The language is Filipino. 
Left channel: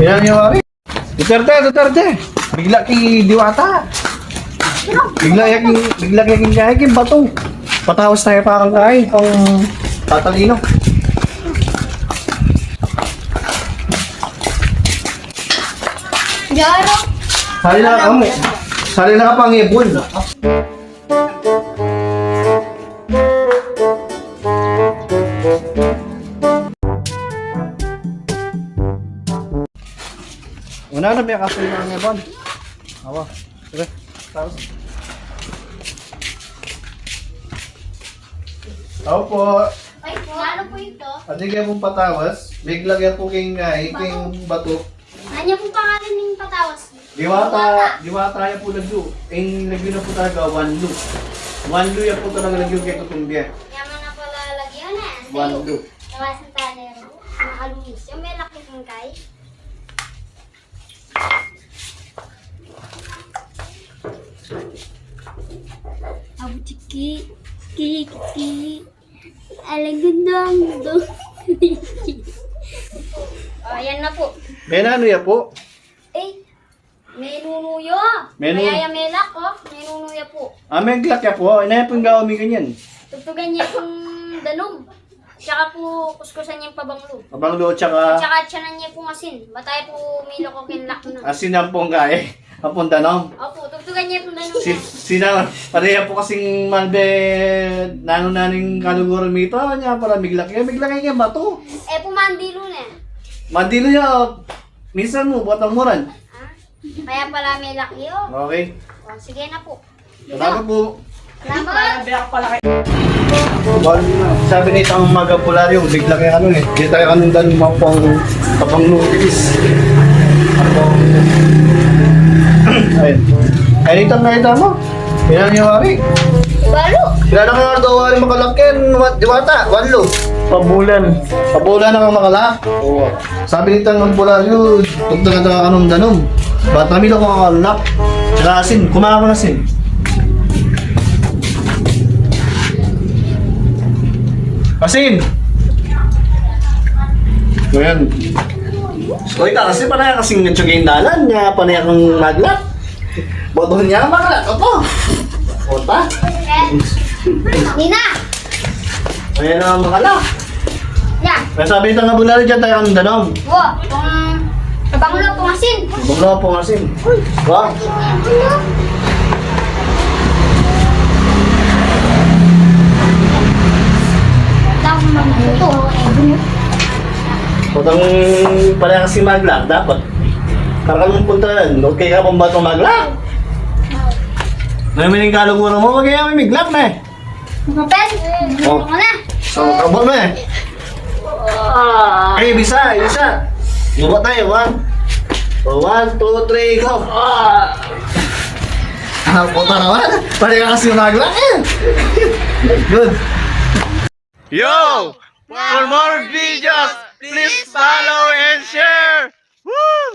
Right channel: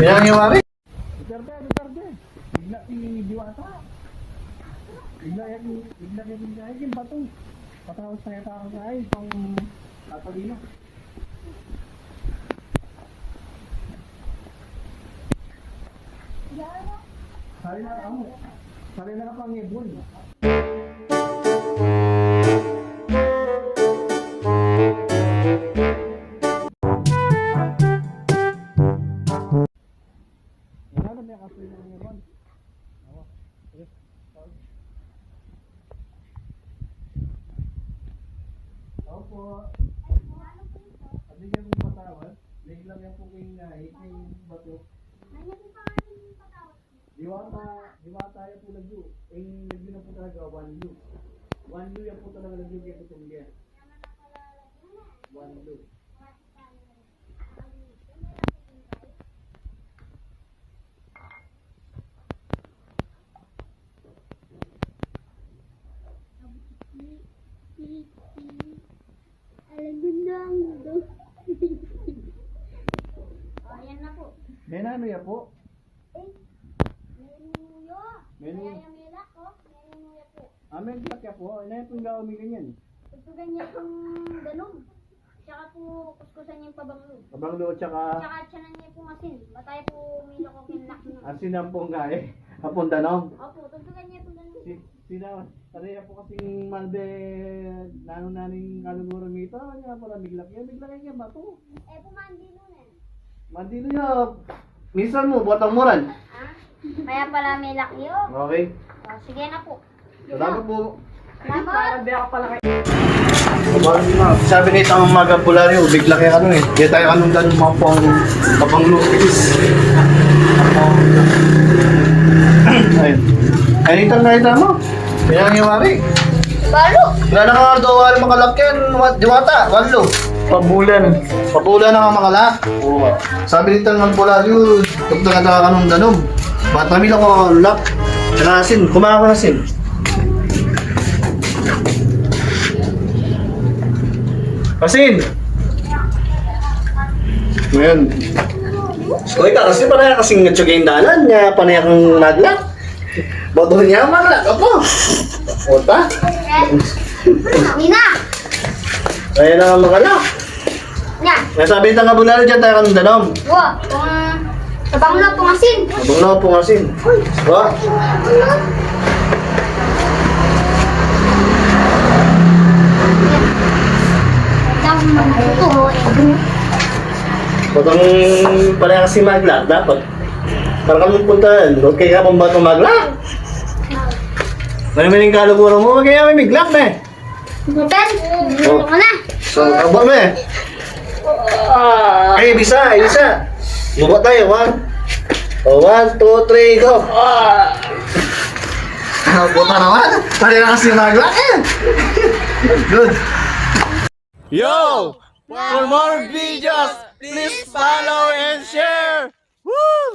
Yan yung wari. Duterte. Bigla kay Diwata. Bigla kay King Bato. Patawas tayo pa kang kain pang tatalino. Jaro. Sali na ka pang ibon. Una na ba kasi ng ibon? Awa. Sige. Tapos. Tao po. Ay, ano po ito? Adi kaya pong patawas. Bigla kaya po king bato. Ano pong pangalan ng patawas? Diwata yan po nagdo. Nagdo na po talaga one lu. One lu yan po talaga nagdo kay Tutumbia. Yaman na pala lagyan na. One lu. Nawasan tayo. Nakalumis. Yung may laki kong kay. Abu ciki. Kiki. Alagandang do. Ayan na po. May ano yan po? Eh, may nunuyo. Menu- Kaya yung melak ko, may nunuyo po. May glak ya po. Inaya po yung gawami ganyan. Tugtugan niya yung danom. Tsaka po kuskusan niya yung pabanglo. Abang lo tsaka Tsaka tiyanan niya po asin. Batay po milo ko kinlak na. asin ang pong gae. Ang pong tanong. Opo, tugtugan niya po danom. Pareha po kasing malbe nano-naning kaluguro mito. Niya pala miglak yan bato. Eh, pumandilo na. Mandilo niya. Minsan mo, buat ang muran. Ah? Kaya pala may laki oh. Okay. O, sige na po. Salamat po. Salamat. Sabi na itang umaga pularyo, bigla kaya ano eh. Kaya tayo anong ganun mga pang lupis. Ayun. Ayun itang nakita mo. Kaya niya wari. Balo. Kaya na nga daw wari makalakyan. Diwata, wanlo. Pabulan na nga makalak. Sabi nitang pularyo, tugtong ata anong danom. Ba't namin lang makalak. Tsaka asin, kumain ko na asin. Asin! Ngayon. Uy, kasi panaya kasing nagtsugay dalan niya, panaya kang maglak. Bodo niya maglak ako. Ota. Nina. Ayan na ang makalak. Yan. Kaya sabi nito nga bulalo dyan tayo kanong danom. Wow, bango na pong asin. Abang na po asin. Ba? Patang panaya kasing maglak, dapat. Parang kami puntahan, huwag kaya pang bato maglak. Ngayon may kaluguro mo, huwag kaya may miglak na eh. Mapen, Oh. ano na? So, abang mo eh. Okay, bisa. Lubot tayo, 1, 2, 3, go! Puta naman! Pari na kasi maglak eh! Good! Yo! For more videos, please follow and share! Woo!